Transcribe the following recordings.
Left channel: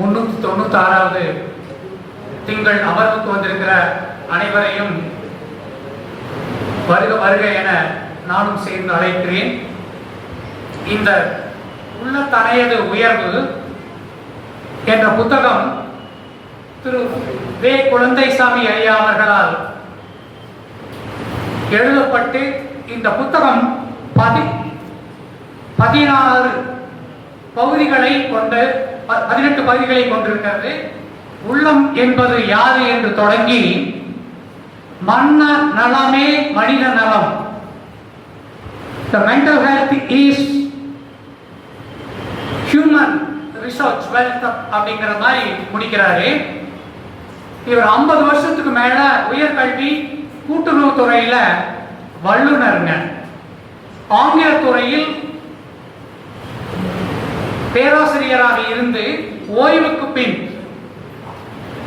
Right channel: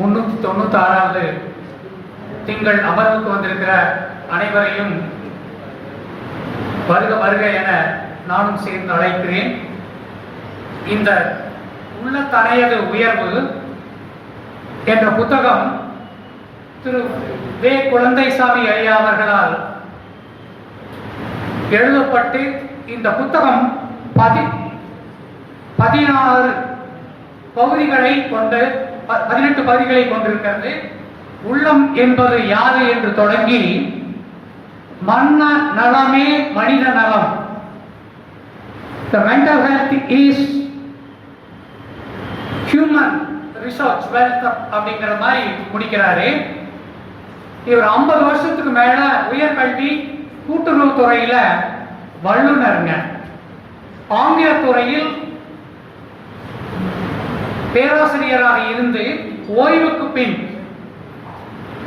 396வது திங்கள் அமர்வுக்கு வந்திருக்கிற அனைவரையும் வருக வருக என நானும் சேர்ந்து அழைக்கிறேன். இந்த உள்ளத்தனையது உயர்வு என்ற புத்தகம் திரு வே. குழந்தைசாமி ஐயா அவர்களால் எழுதப்பட்டு இந்த புத்தகம் 16 பகுதிகளை கொண்டு 18 பகுதிகளை கொண்டிருக்கிறது. உள்ளம் என்பது யாரு என்று தொடங்கி மன்ன நலமே மனித நலம், the mental health is human research wealth அப்படிங்கிற மாதிரி முடிக்கிறாரு. இவர் 50 வருஷத்துக்கு மேல உயர்கல்வி கூட்டுறவு துறையில வல்லுநருங்க. ஆங்கில துறையில் பேராசிரியராக இருந்து ஓய்வுக்கு பின்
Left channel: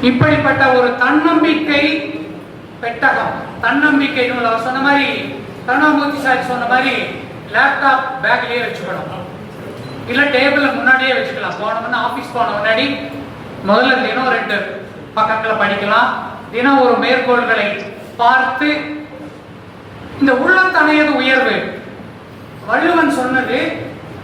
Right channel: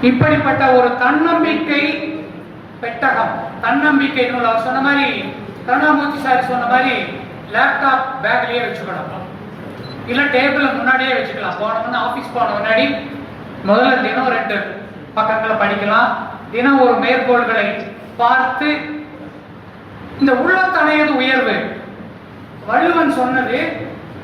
இப்படிப்பட்ட ஒரு தன்னம்பிக்கை பெட்டகம், தன்னம்பிக்கை நூல் அவர் சொன்ன மாதிரி, கருணாமூர்த்தி சார் சொன்ன மாதிரி லேப்டாப் பேக்லயே வச்சுக்கணும், இல்ல டேபிள் முன்னாடியே வச்சுக்கலாம். போனோம்னா ஆபீஸ் போன முன்னாடி முதல்ல தினம் 2 பக்கங்களை படிக்கலாம். தினம் ஒரு மேற்கோள்களை பார்த்து இந்த உள்ளத்தனையது உயர்வு வள்ளுவன் சொன்னது.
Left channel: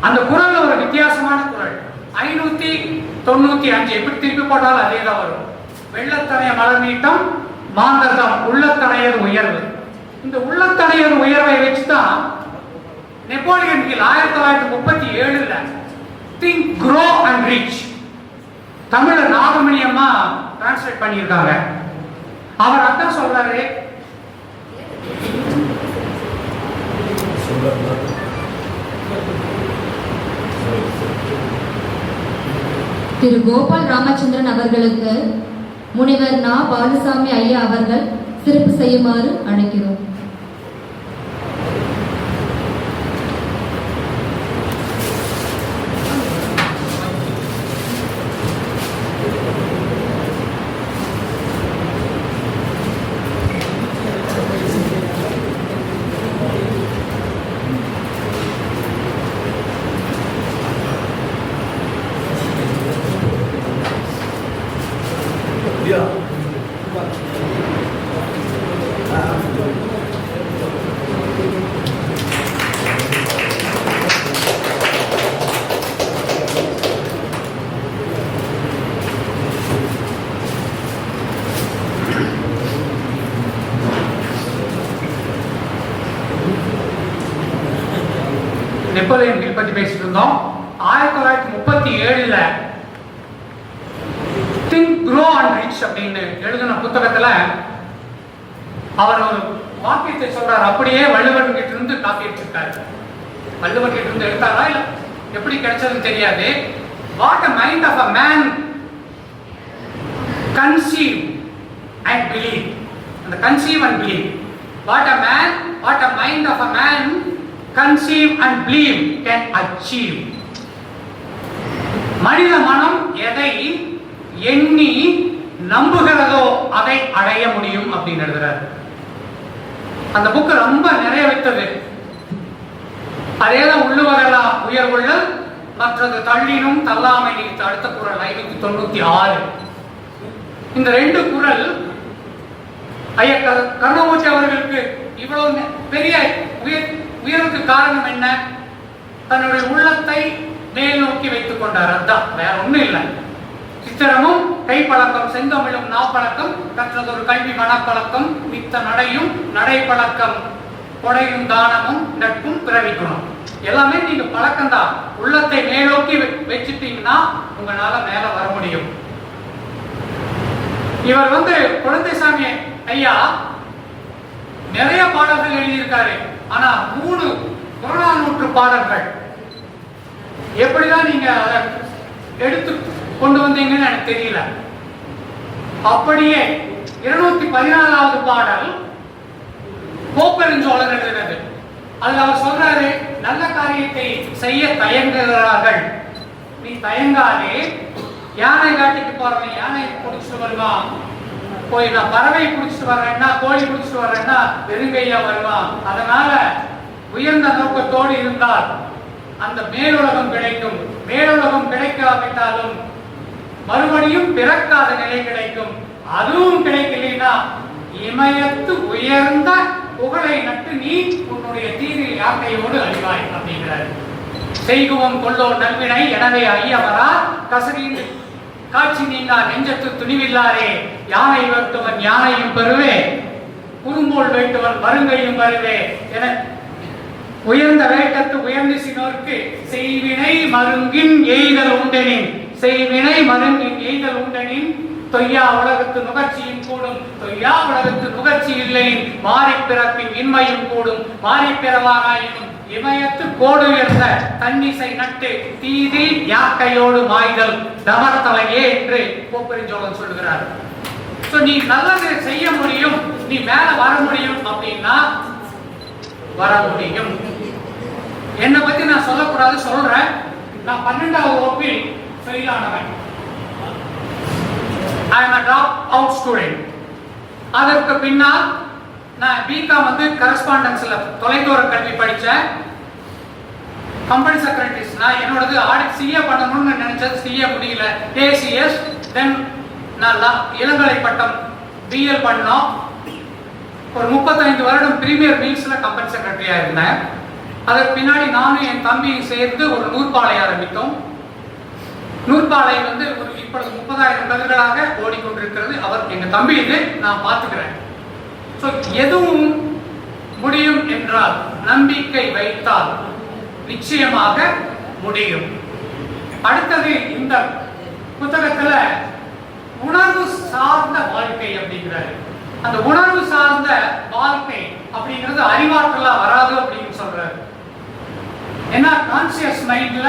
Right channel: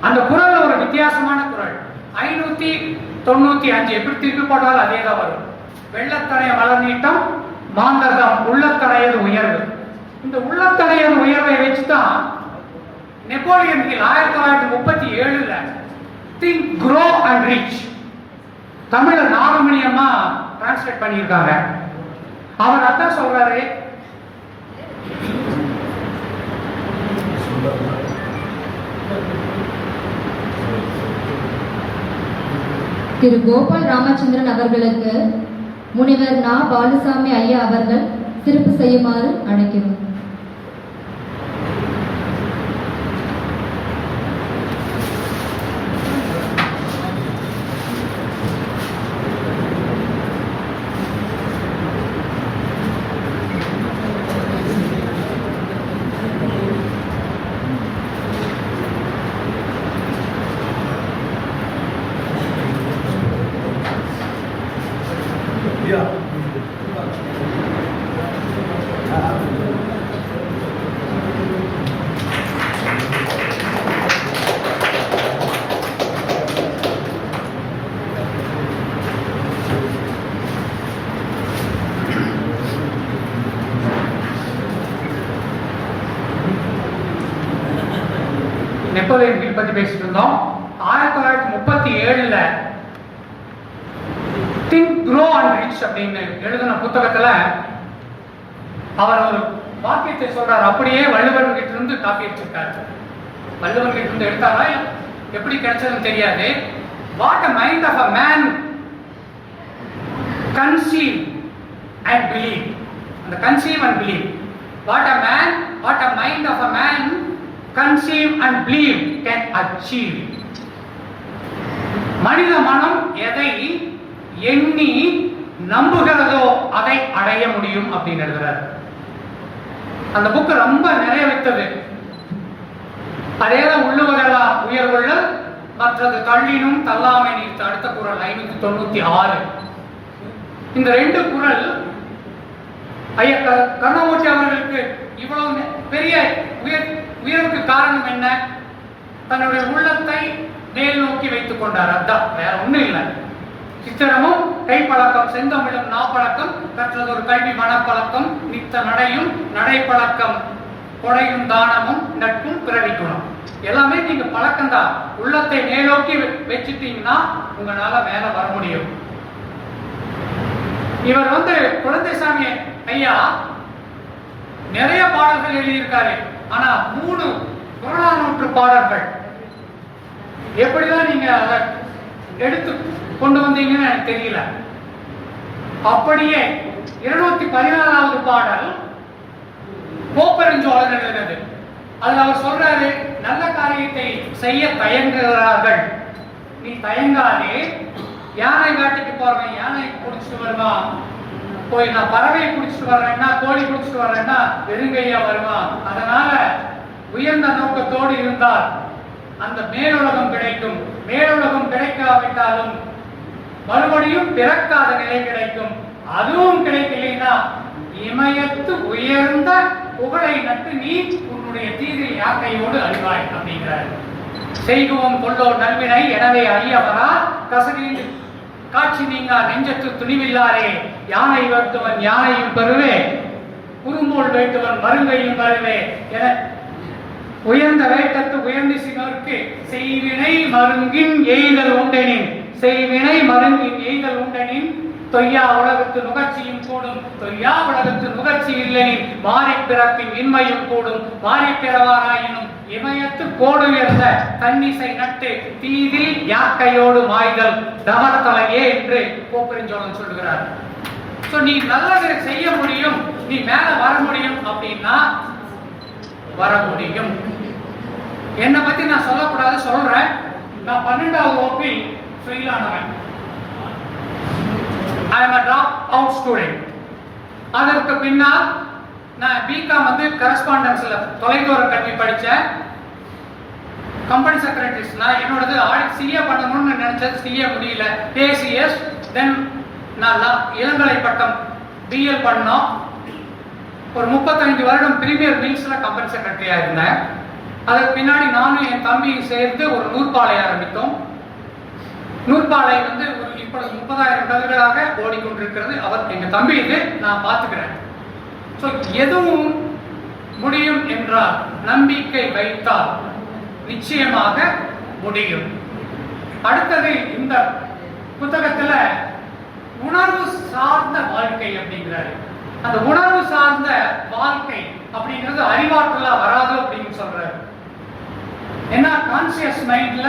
அந்த குறள் ஒரு வித்தியாசமான குறள், 595 எப்படி திருப்பி போட்டாலும் அதே தான் வரும். வெள்ளத்தனைய மலர் நீட்டம் மாந்தர்தம் உள்ளத்தனையது உயர்வு. இந்த உள்ளத்தனையது உயர்வை வச்சுதான் நெப்போலியன் ஹில் 1937ல திங்க் க்ரோ அண்ட் ரீச் தமிழ்ல நாகமணியம்மா டிரான்ஸ்லேட் பண்ணியிருக்காங்க. அவர் அதான் சொல்றாரு, திரு கோபால் ராமச்சந்திரன் அவர்களுக்கு முனைவர் நா. பாலுசாமி ஐயா அவர்கள் சிறப்பு செய்யுமாறு அழைக்கிறோம். நெப்போலியன் ஹில் பற்றி பேசிட்டு இருந்தோம். 1937ல திங்க் க்ரோ அண்ட் ரிச் அப்படின்னு எழுதின புத்தகத்துல அவர் ஒரு வாக்கியத்தை சொல்றாரு. அப்படியே வள்ளுவன் கிட்ட இருந்து காப்பி எடுத்திருக்காரு. வள்ளுவன் கிட்ட இருந்து எடுத்தாரா இல்ல எப்படி கிடைச்சதுன்னு தெரியாது. What a mind of a man conceive and believe, அந்த conceive and believe, what a mind of a man conceive and believe can achieve. மனித மனம் எதை எண்ணி நம்புகிறதோ அதை அடைய முடியும் அப்படின்னு எழுதுறாரு. அந்த புக்கு ரொம்ப நிறைய விட்டது. அதேதான் உள்ளுவரெல்லாம் உயர்வுள்ளல் மற்றது தள்ளினும் தள்ளாமை நீத்து அடுத்த குறள் 596. இந்த 2 குறள் ஐயா கருணாமூர்த்தி அவர்களுக்கு இவ்வளவு பெரிய உயர்வுக்கு காரணம் என்ன? தன்னுடைய உள்ளத்தை மேல் நோக்கி வைத்துக் கொண்டார். அதான் வேற ஒண்ணும் இல்லை. சித்திரமும் கைப்பழக்கம் செந்தமிழும் நாப்பழக்கம் கற்றதொரு கல்வி மனப்பழக்கம் நித்த நடையும் நடைப்பழக்கம் கொடையும் தானமும் நட்பும் பிறவி குணம். எல்லாமே நீங்க பழக்கம் தான். உள்ளத்தை மேலோக்கி வச்சுட்டீங்கன்னா உங்களால மேல வர முடியும். இவர் குழந்தைசாமி ஐயா நிறைய பாடல்கள் எழுதியிருக்காரு. ஆனா 3 புறநானூற்று பாடல்கள் எப்படிதான் நீங்க அதை எடுத்து கொண்டு வந்தீங்கன்னு எனக்கு தெரியல. அப்படியே 214வது பாடல் கோப்பெருஞ்சோழர் எழுதினது. அதுல அவர் சொல்றாரு, நல்ல காரியத்தை செய்ய தயங்குகிறார்கள், நீ தயங்காதே. யானை காட்டிக்கு போறவன் யானை பிடிச்சிட்டு வருவான், போய் நான் பறவை பிடிச்சிட்டு வர்றேன்னா கோழி பிடிச்சிட்டு வர்றேன்னா வெறுங்கையா வருவான். அதனால உயர்ந்த நோக்கத்தோடு இருந்தால் அந்த மேலுலகம் கிடைக்கும். மேலுலகம் கிடைக்காவிட்டாலும் மறுபடியும் பிறக்காத நிலை கிடைக்கும். அதுவும் கிடைக்கலைன்னா இமயத்து உயர்ந்த புகழை நட்டு நீ உன்னுடைய தீரில் யாக்கையோடு அழிவாய் அப்படிங்கிறார். செய்குவோம் கொள்ளோ நல்வினை எனவே ஐயவரா கசகில் காட்சி நீங்கா நெஞ்சத்து துணிவில்லாரே யானை வருத்துவன் யானையும் பெறுவே குறும்போல் வேட்டுவன் மருங்கையும் வருவே என உயர்ந்த வேட்டத்து உயர்ந்து சினோர்க்கு செய்வினை மருங்கின் எய்தல் உண்டெனின் செய்வினை மருங்கின் எய்தல் உண்டெனின் தொய்யா உலகத்து நுகர்ச்சியும் கூடும் தொய்யா உலகத்து நுகர்ச்சி இல்லை மாறி பிறப்பின் இன்மையும் கூடும் மாறி பிறவாராயினும் இமயத்து கோடு உயர்ந்த தன்னிசை நட்டு தீதில் யாக்கையோடு மாய்தல் தவத்தலையே என்று கோப்பெருஞ்சோழன் சொல்லுகிறார். நீ நல்லது செய்ய முடியும், நீ மேல வர முடியும் அப்படின்னா வர முடியும். என்னை பத்தி நான் சொல்லக்கூடாது, சொல்றேன். நான் 12வது வகுப்பில் ஃபெயில் ஆனவன். I am a drop out student. அதற்கு பின்னால் நான் பிகாம் வந்து கரஸ்பாண்டன்ஸ்ல தொலைதூர கல்வி படித்தேன். கம்பெனி செக்ரட்டரிஸ் நான் என்னோடது ஆடிட் சிஏ பண்ணணும்னு நினைச்சது, சிஏ முடியல. ஏசிஎஸ் தென் நான் இளங்கலை பட்டம் பிஎல் பண்ணோம். ஒரு 35 வருடம் பிரீமியர் மீல்ஸ்ல கம்பெனி செக்ரட்டரியா இருந்தேன். அதற்கு பின்னாடி நானும் என் தம்பியும் சேர்ந்து ஒரு நூற்பாலை ஆரம்பித்தோம். நூற்பாலை வந்து ஒரு இப்பொழுது 30,000 கல்களாக ஓடிக்கொண்டிருக்கிறது. அவர் எங்க தம்பி இது, நான் பார்த்துக்கிறேன். எதுவும் முடியும் என்றால் நம்பிக்கை வைத்தால் நிச்சயமாக முடியும். அடுத்தது இந்த புத்தகத்துல உணர்வு சார்ந்த வாழ்க்கை அப்படிங்கிறாரு. அந்த உணர்வு சார்ந்த வாழ்க்கை அப்படிங்கிறது அறிவாற்றலா வராது அப்படின்னு சொல்றாரு. ஏன்னா கான்சியஸ் மைண்ட்ல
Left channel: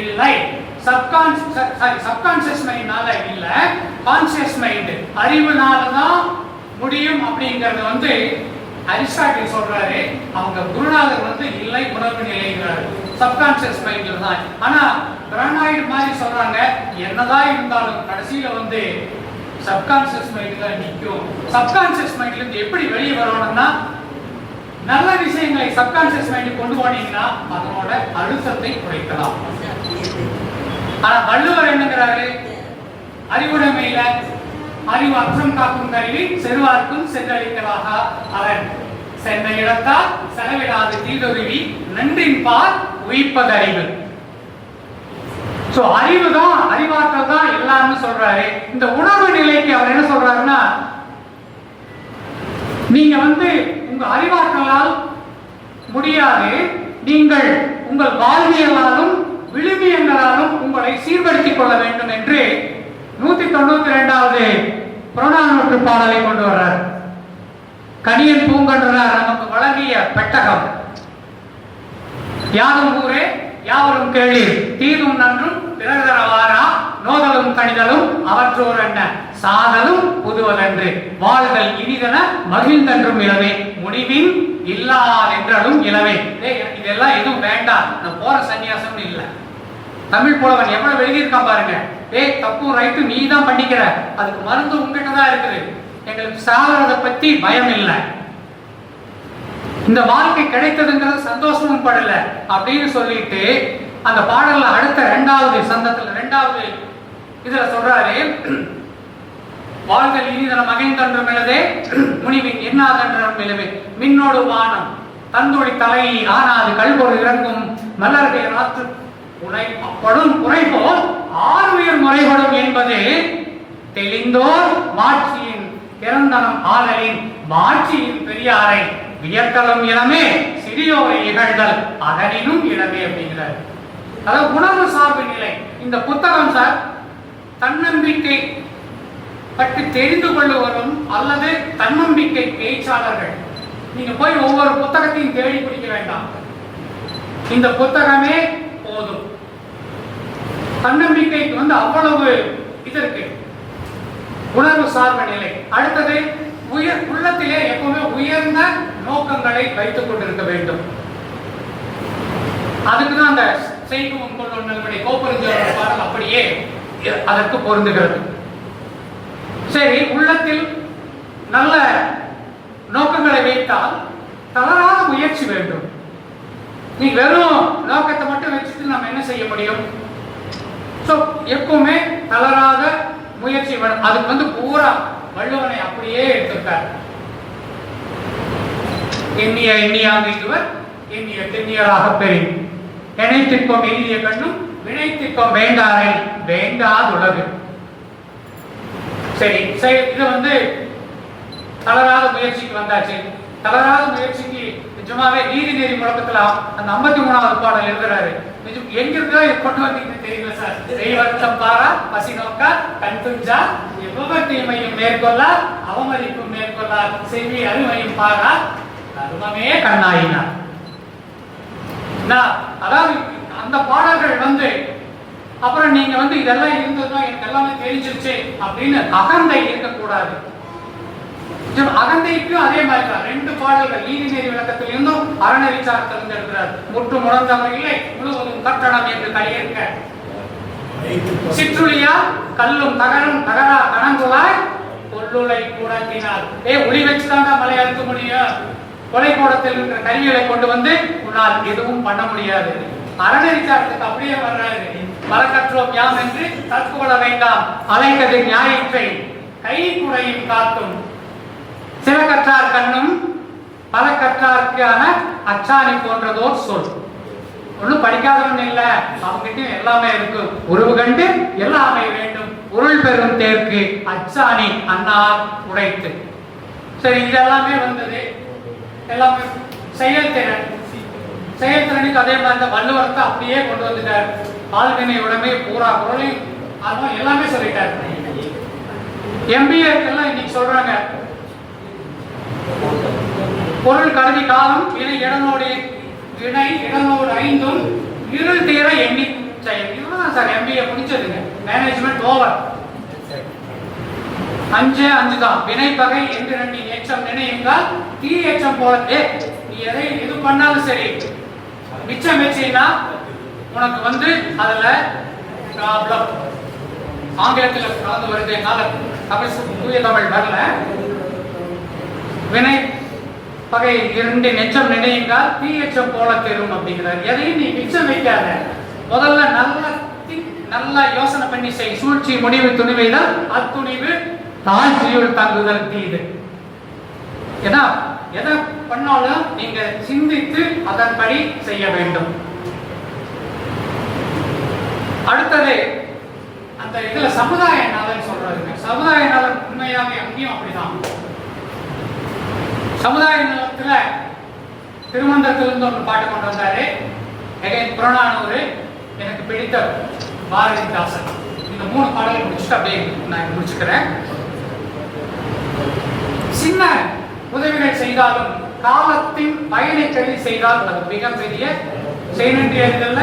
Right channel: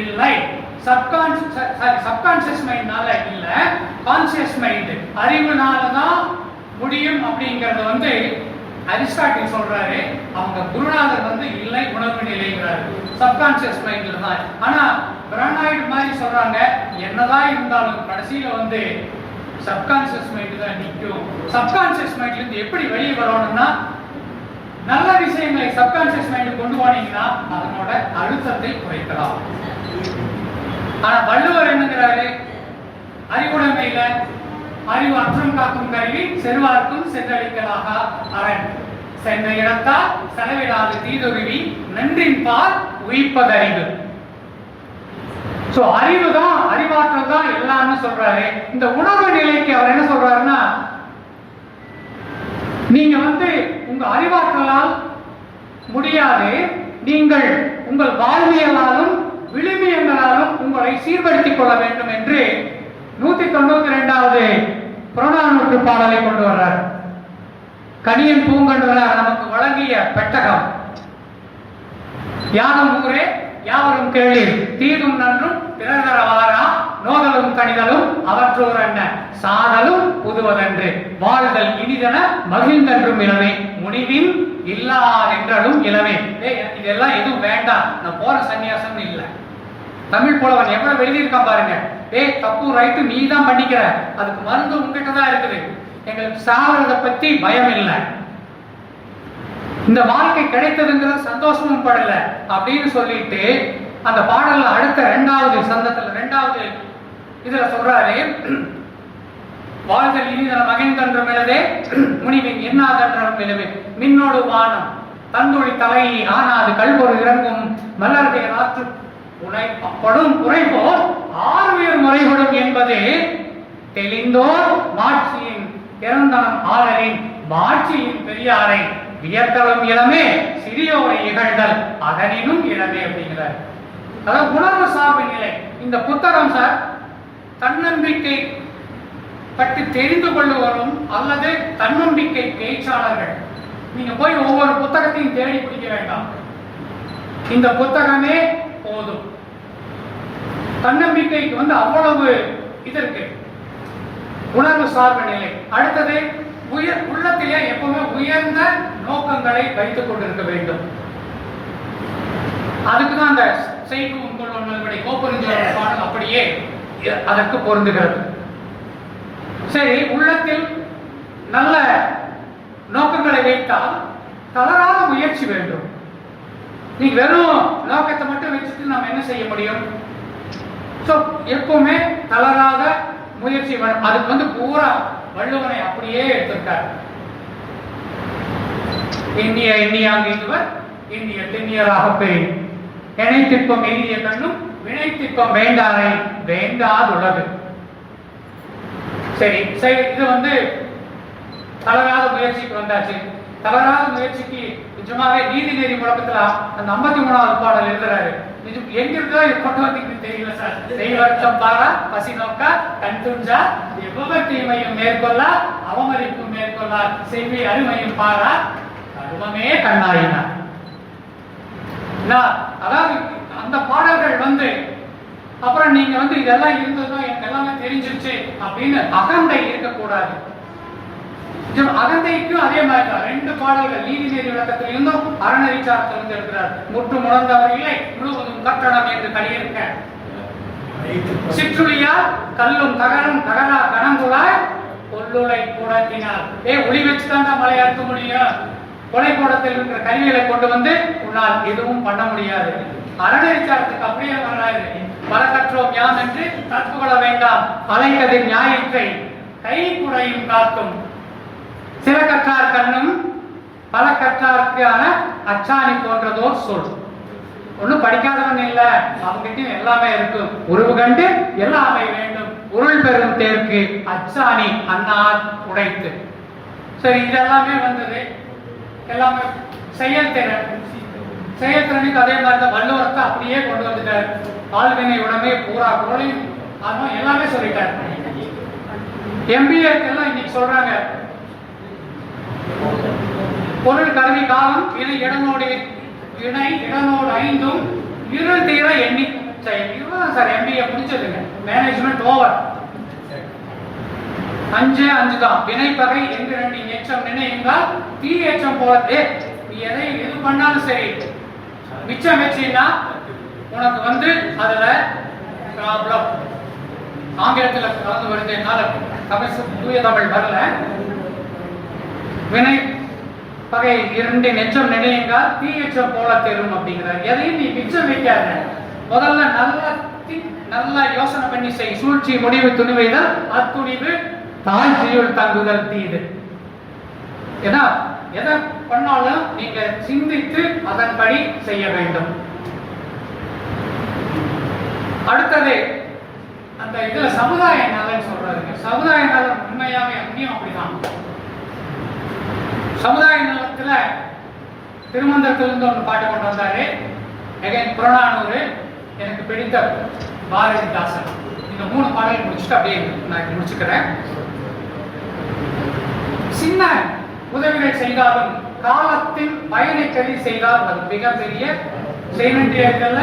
இல்லை, சப்கான்சியஸ் மைண்ட்னால இல்ல, கான்சியஸ் மைண்ட் அறிவுனால தான் முடியும் அப்படிங்கறது வந்து அரிஸ்டாட்டில் சொல்றாரு. அவங்க குருநாதர் வந்து இல்லை உணர்வு நிலைங்கிறாரு, சப்கான்சியஸ் மைண்ட்ல தான். ஆனா பிரானாய்டு மாதிரி சொல்றாங்க, என்னதான் இருந்தாலும் கடைசியில வந்து சப்கான்சியஸ் மைண்ட் தான் நிற்கும். சப்கான்சியஸ் மைண்ட்ல இருந்து எப்படி வெளியே வரணும்னா, நல்ல விஷயங்களை சப்கான்சியஸ் மைண்ட் கொண்டு போனீங்கன்னா அதனோட அழுத்தத்தை குறைக்கலாம். ஆனா வள்ளுவர் என்னங்கிறாரு, அறிவுடைமையில அறிவு அற்றம் காக்கும் கருவி செருவார்க்கும் சென்றளிக்கலாக அவன் சென்னை இடத்தால் செலவிடாது தீதுருவி நன்றின் பால் உயிர்ப்பதறிவு. அறிவு தான், அறிவாற்றல் தான் எல்லாம்னு சொல்றாரு. இந்த உணர்வு நிலைக்கு அவர் என்ன சொல்றாருன்னா, நீங்க வந்து உங்க அறிவாற்றலால் முடியாது, நீங்கள் உங்கள் வாழ்வியலாலும் விழுமியங்களாலும் உங்களை சீர்படுத்திக் கொள்ள வேண்டும் என்று 192வது புறநானூற்று பாடலை கொண்டு வர்றார். கனியன் பூங்கன்றார் நமக்கு வழங்கிய பெட்டகம். யாரும் ஊரே யாவரும் கேளீர் தீதும் நன்றும் பிறகரவாரா நோதலும் கணிதலும் அவற்றோர் என்ன சாதலும் புதுவதன்று வாழ்தல் இனிதன மகிழ்ந்தன்றும் இளவே முடிவின் இல்லாதென்றாலும் இளவே. இதெல்லாம் எதுவும் வேண்டாம், நான் போற சன்னியாசம் இல்லை. தமிழ் புலவன் எவ்வளவு எழுதியிருக்கான் பாருங்க. தப்பு ரைட்டு நீ தான் பண்ணிக்கிற, அதுக்கு மருந்து உங்ககிட்ட தான் இருக்குது, எங்களுக்கு சாவறத பத்தி பயம் இல்லை, இந்த வாழ்க்கை கிடைத்ததுங்கிறது சந்தோஷமும் படல அப்படின்னு சொல்லிட்டு அந்த பாடல்ல அடுத்த 2வது சந்தத்துல 2வது இதுல சொல்றாரு, வாழ்தல் இனிதன மகிழ்ந்தன்றும் இளவே முனிவின் எண்ணாதன்றும் இளவே மின்னோடு வானம் தந்தொழி தலை ஆனாது கல்பொரு இறங்கும் மலருடைய நாற்று உனைப்படும் குறைபோல் ஆறுயிர் முறைப்படும் என்பது தெளிந்தோர் மாட்சியின் பிறந்தனம் ஆளலின் மாட்சியின் பெரியாரை வியத்தலும் இளமே சிறியோரை இகழ்தல் அதனினும் இளமே அப்படிங்கிறார். அதாவது உணர்வு சார்பு நிலை. இந்த புத்தகம் சார் தன்னம்பிக்கை பற்றி தெரிந்து கொள்ளுவரும் அல்லது தன்னம்பிக்கை பேச்சாளர்கள் நீங்க போய் ஒவ்வொரு புத்தகத்தையும் தேடி பிடிக்க வேண்டாம், இந்த புத்தகமே போதும். தன்னம்பிக்கைக்கு வந்து அவ்வளவு இது இருக்கு. உணர்வு சார்பு நிலை. அடுத்தது உள்ளத்திலே எப்பவுமே உயர்ந்த நோக்கங்களை வைத்துக் கொண்டிருக்க வேண்டும். அதுக்குதான் அந்த செய்கும் கொள்வனை கோப்பெருஞ்சோழர் பாடல் அப்படியே அதற்கு பொருந்துகிறது. சரி, உள்ளத்தில் நல்ல நோக்கங்களை வைத்தால் தளராத முயற்சி வேண்டும். நீ வெறும் நோக்கத்தை மட்டும் வச்சுட்டு நம்ம என்ன செய்ய முடியும்? எப்பவுமே தளராத முயற்சி வேணும். அதுக்கு பூரா வள்ளுவனை அப்படியே எடுத்திருக்கார். எண்ணிய எண்ணியாங்குவர் எண்ணிய தென்னியராக பெறும் எனை திட்பம் எண்ணிய கண்ணும் வினை திட்பம் வேண்டாரை வேண்டாதுலகு. சரி, இது தளராத முயற்சிக்கு வந்தாச்சு. தளராத முயற்சிக்கு நிஜமாவே நீதிநெறி முழக்கத்துல அந்த 53வது பாடல் எழுதுறாரு. எங்கிருந்தோ கொண்டு வந்தீங்க தெரியல சார். தெய்வர்த்தம் பாரா பசி நோக்கா கண் துஞ்சா எவ்வளவு மேற்கொள்ளா அவமதிப்பும் மேற்கொள்ளா செல்வி அருமையும் பாரா கருமமே கண்ணாயினார். அதாவது அந்த பாடல்கள் அப்புறம் நீங்க இதெல்லாம் இருந்ததுதான் எனக்கு எல்லாமே தெரிஞ்சிருச்சு அப்படின்னு அகந்தை இருக்கக்கூடாது. அகந்தைக்கும் அதே மாதிரி தான் 2 பாடல்கள் நீதிநெறி விளக்கத்தில் இருந்தும் அறநெறி சார்த்திலிருந்து இருக்கிறார். முற்று முழந்தவர்களே முழுவதும் கட்டணம் என்று கலியிருக்க சிற்றுளியா கல்லும் தகரும் தகரா கணங்குவாய் கொல்லுளை கூடத்தினால் ஒளி வச்சுதான்டா மலை அறுக்க முடியும். கொலை கூடத்தில் இருக்கிற கருவிகளை கொண்டு உன்னால் எதுவும் பண்ண முடியாது. அறநெறி சார்த்துக்கு அப்படியே வர்றாரு. பல கற்றோம் யாம் என்று கற்பு கொள்ள வேண்டாம் அலைக்கதிர் ஞாயிற்றை கை குறையும் காத்தும் சில கற்றார் கண்ணும் பல கற்றாருக்கான அச்சாணி போன்றதோர் சொல். ஒன்னும் படிக்காதவன் இல்ல, அவங்கிட்ட எல்லாமே இருக்கு. உருவு கண்டு எல்லாமே வேண்டும் உருள் பெறும் தேர்க்கு அச்சாணி அன்னார் உடைத்து. சரி, இதெல்லாமே எல்லாமே செயல்திறன். செயல்திறனுக்கு அதே மாதிரி தான் வள்ளுவரத்தை அப்படியே கொண்டு வந்துட்டார். ஆழ்வினை உடனே பூரா குரலையும் அதுவும் எல்லாமே சொல்லிட்டார். MBA எல்லாம் இன்னைக்கு சொல்றாங்க பொருள் கருவி காலம் இணை இடனோடு ஐந்தும் இருள் தீர எண்ணி செயல். இதுதான் சார் MBA முடிச்சதுங்க. Management over. 5 தான். வினை பகை என்று 2 எச்சம் நினையுங்கள் தீ எச்சம் போல. நீ எது பண்ணாலும் சரி மிச்சம் வச்சீங்கன்னா உனக்கு அதுல ப்ராப்ளம். ஆங்கிலத்தில் கலந்து வருதுனால தூய தமிழ் வரல. வினை பகை 2 நெச்சம் நினையுங்கள் தீ எச்சம் போல தெரும் அப்படிங்கிறார். எதையும் நீ மிச்சம் வைக்காத. முதல்ல நல்லா யோசனை பண்ணி செய். சூழ்ச்சி முடிவு துணிவைதான் அத்துணிவு தாழ்ச்சியுள் தங்குதல் தீது. ஏன்னா எதை பண்ணாலும் நீங்க சிந்தித்து அதன்படி செய்ய வேண்டும். அடுத்தது அந்த இதுல சமுதாய நலன் சொல்றாருங்க. சமுதாய நலன் உண்மையாவே அங்கேயும் அப்படிதான். சமுதாய நலத்துல திருமந்திரத்திலிருந்து ஒன்று பாட்டு கொண்டு வந்தாரு. புறநானூறு, எனக்கு பிடித்த பாரதிதாசன். இந்த 3 பாடலை முடிச்சுட்டு அப்படியே நான் முடிச்சுக்கிறேன். சின்ன உதவிகள் செய்தாலும் காலத்தின் பயனை கருதி செய்தால் அது மிகப்பெரிய செய்நன்றி அறிதல்ல.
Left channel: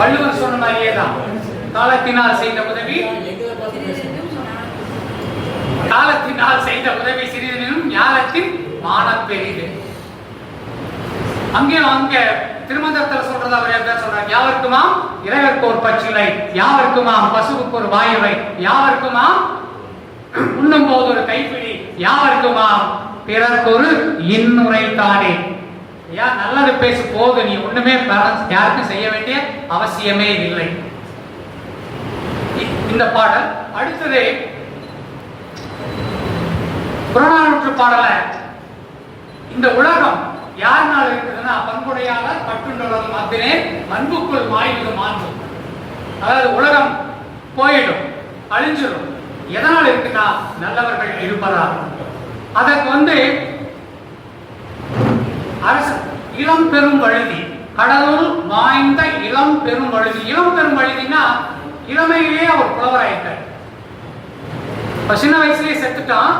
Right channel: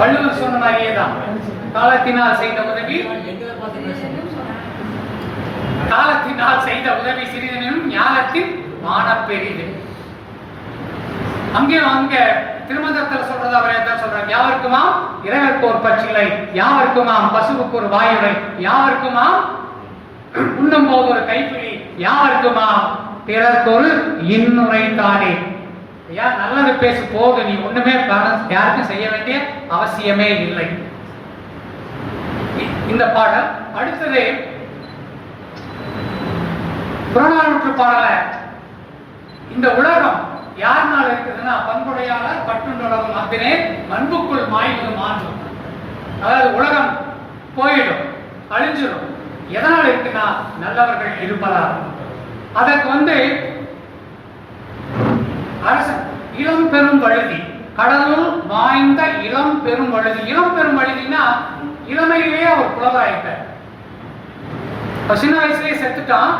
வள்ளுவர் சொன்ன மாதிரியே தான். காலத்தினால் செய்த உதவி சிறிதனும் ஞானத்தின் மான பெரிது. அங்கே திருமந்திரத்தில் சொல்றது அவர் என்ன சொல்றார்? யாவருக்குமாம் இறைவருக்கு ஒரு பச்சிலை, யாவருக்குமாம் பசுவுக்கு ஒரு வாயுவை, யாவருக்குமாம் உண்ணும் போது ஒரு கைப்பிடி, யாவருக்குமாம் பிறருக்கு ஒரு இன்னுரை தானே. யார் நல்லது பேசு போது, நீ ஒண்ணுமே யாருக்கும் செய்ய வேண்டிய அவசியமே இல்லை. இந்த பாடல். அடுத்தது புறநானூற்று பாடல. இந்த உலகம் யாருனால இருக்குதுன்னா பண்புடையாளர் பட்டுள்ளவர்கள் அப்படின்னே மண்புக்குள் மாய்வது மாண்பு. அதாவது உலகம் போயிடும், அழிஞ்சிடும். எதனால் இருக்குன்னா நல்லவர்கள் இருப்பதால். அதற்கு அரசன் இளம் பெரும் வழுதி, கடவுள் வாய்ந்த இளம் பெரும் வழுதி. இளம் பெரும் வழுதினா இளமையிலேயே அவர் புலவராயிட்டார். சின்ன வயசுலயே செத்துட்டான்.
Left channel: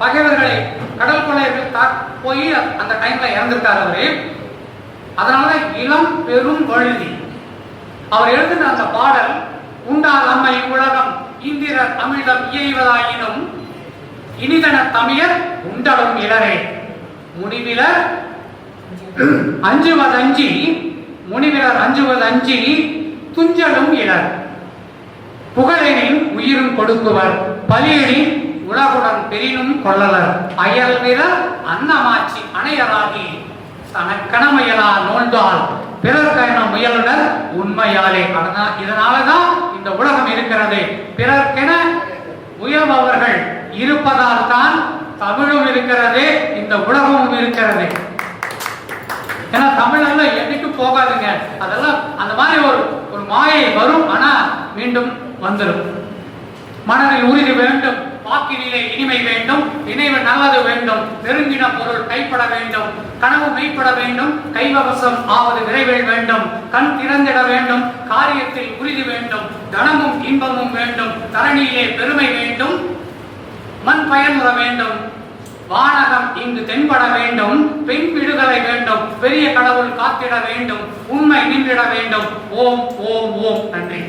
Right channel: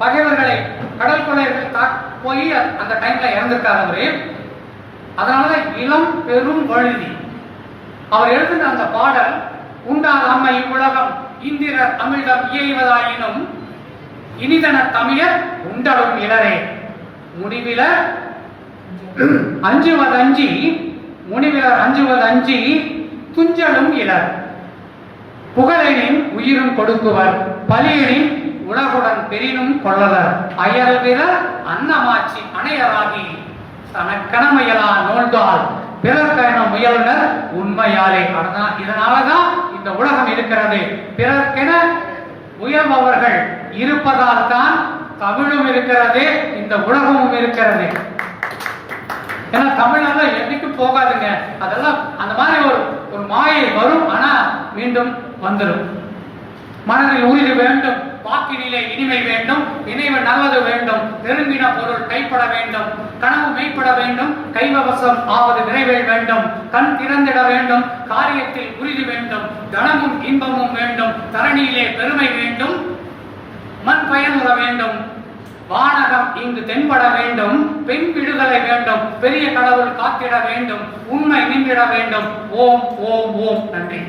பகைவர்களை கடல் கொள்ளையர்கள் போய் அந்த டைம்ல இறந்திருக்காரு அவரு. அதனால இளம் பெரும் வழுதி. அவர் எழுதின அந்த பாடல் உண்டால் அம்மை உலகம் இந்திரர் அமிழ்தம் இயைவதாயினும் இனிதன தமிழர் உண்டலும் இளரே முடிவிலர் அஞ்சுவதஞ்சி முனிவிலர் அஞ்சுவதஞ்சி துஞ்சலும் இளர் புகழெனின் உயிரும் கொடுக்குவர் பலியெனின் உலகுடன் பெரினும் கொள்ளலர் அயல்விர அன்னமாட்சி அணையராகி தனக்கணமையலா நோழ்ந்தால் பிறர்க்கென முயலுனர் உண்மையாலே. இதனாலதான் இந்த உலகம் இருக்கிறது. பிறர்க்கென முயல்பவர்கள் இருப்பதால் தான் தமிழும் இருக்கிறது, இந்த உலகமும் இருக்கிறது. ஏன்னா தமிழ்நாடு என்னைக்கும் போகாதுங்க. அதெல்லாம் அந்த மாதிரி ஒரு மாயை வரும், ஆனா மீண்டும் வந்துடும். மனதில் உறுதி வேண்டும், வாக்கினிலே இனிமை வேண்டும், நினைவு நல்லது வேண்டும், நெருங்கின பொருள் கைப்பட வேண்டும், கனவு மெய்ப்பட வேண்டும், கைவசம் ஆவது விரைவில் வேண்டும், கண் திறந்திட வேண்டும், காரியத்தில் உறுதி வேண்டும், தனமும் இன்பமும் வேண்டும், தரணியிலே பெருமை வேண்டும், மண் பயனுற வேண்டும், வானகம் இங்கு தென்பட வேண்டும், பெண் விடுதலை வேண்டும், பெரிய கடவுள் காத்திட வேண்டும், உண்மை நின்றிட வேண்டும். ஓம் ஓம் ஓம். நன்றி.